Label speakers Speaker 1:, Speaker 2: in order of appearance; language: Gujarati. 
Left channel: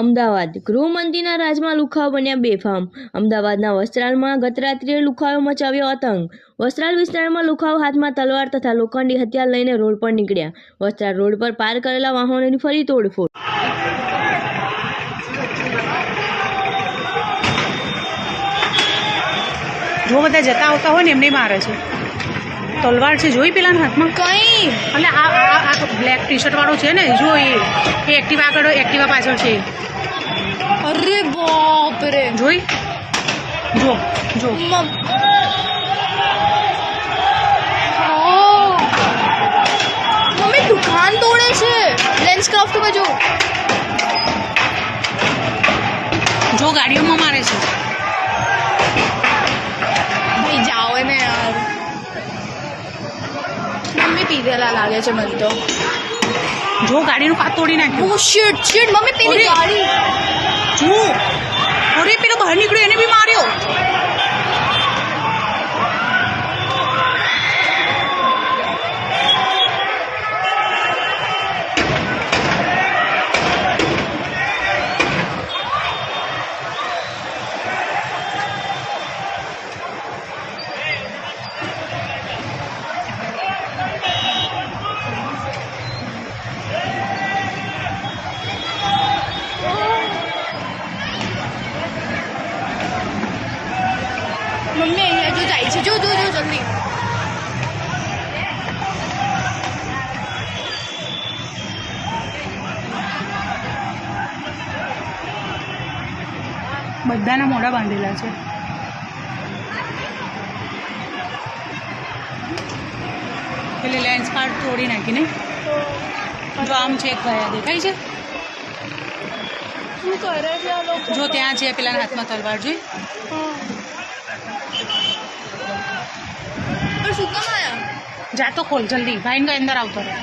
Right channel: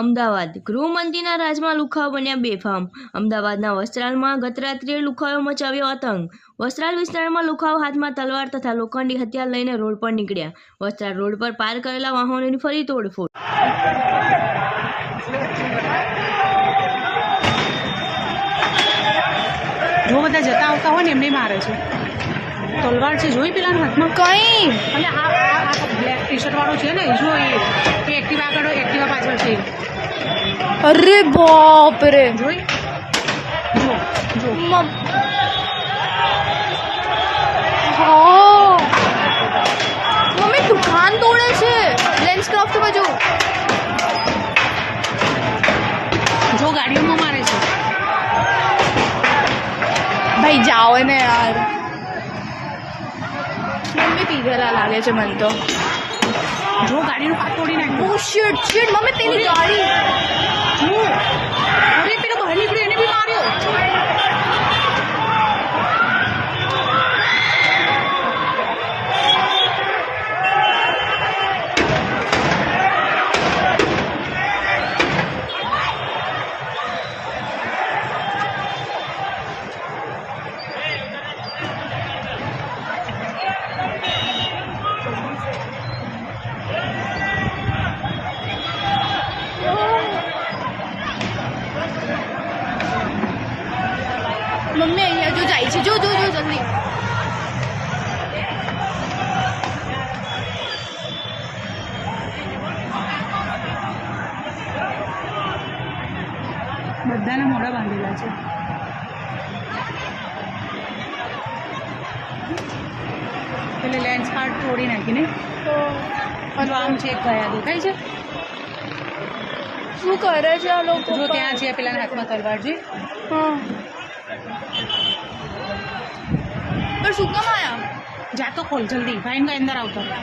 Speaker 1: અમદાવાદ. ગૃહમંત્રીના રાજમાં લુખાઓ બન્યા બેફામ. અમદાવાદના વસ્ત્રાલમાં ગત રાત્રે લુખાઓ મચાવ્યો આતંક વસ્ત્રાલ વિસ્તારમાં લુખાઓ હાથમાં તલવાર તથા લોખંડી હથિયાર લઈને રોડ પર નીકળ્યા. વસ્ત્રાલ રોડ પર પાર કરેલા વાહનોની ફરી તોડફોડ.
Speaker 2: જો બધા જતા આવતા હોય ને એમને મારે છે. તલવાર છે જોઈ પેલા હાથમાં?
Speaker 3: કઈ?
Speaker 2: એટલે આ આ બ્લેક ટી શર્ટ વાળો છે ને જોઈ. એ એક્ટિવા આગળ એક્ટિવા પાછળ છે.
Speaker 3: અરે બાપ રે
Speaker 2: જોઈ? જો જો
Speaker 3: મમ. મમ્મી દુકાન તોડે છે. લેન્સ ક્રાફ્ટ બાજુ જો.
Speaker 2: જો ગાડીઓમાં મારે છે.
Speaker 3: મમ્મી પીધેલા લાગે છે મને તો.
Speaker 2: જો ગાડીનું કાચ તોડી નાખ્યું.
Speaker 3: શિટ શિટ મમ્મી પેલી ગાડી.
Speaker 2: જો. અરે પેલો બહાર નીકળ્યો.
Speaker 3: મમ્મી અહીંયા જો જાય છે. જો જો જો જલ્દી.
Speaker 2: બધાના મોઢા બાંધેલા છે. પેલે લેન્સ કાર્ડ તોડી નાખીને. તો આમ છે ગયા દેખાય છે.
Speaker 3: શું કરે છે આ લોકો
Speaker 2: જો ત્યાં છે પેલા હાથમાં તલવાર જોઈ
Speaker 3: પણ શું કામ આયા
Speaker 2: જાતો ખોલ જલ્દી ભાઈને અંદર આવતો રહે.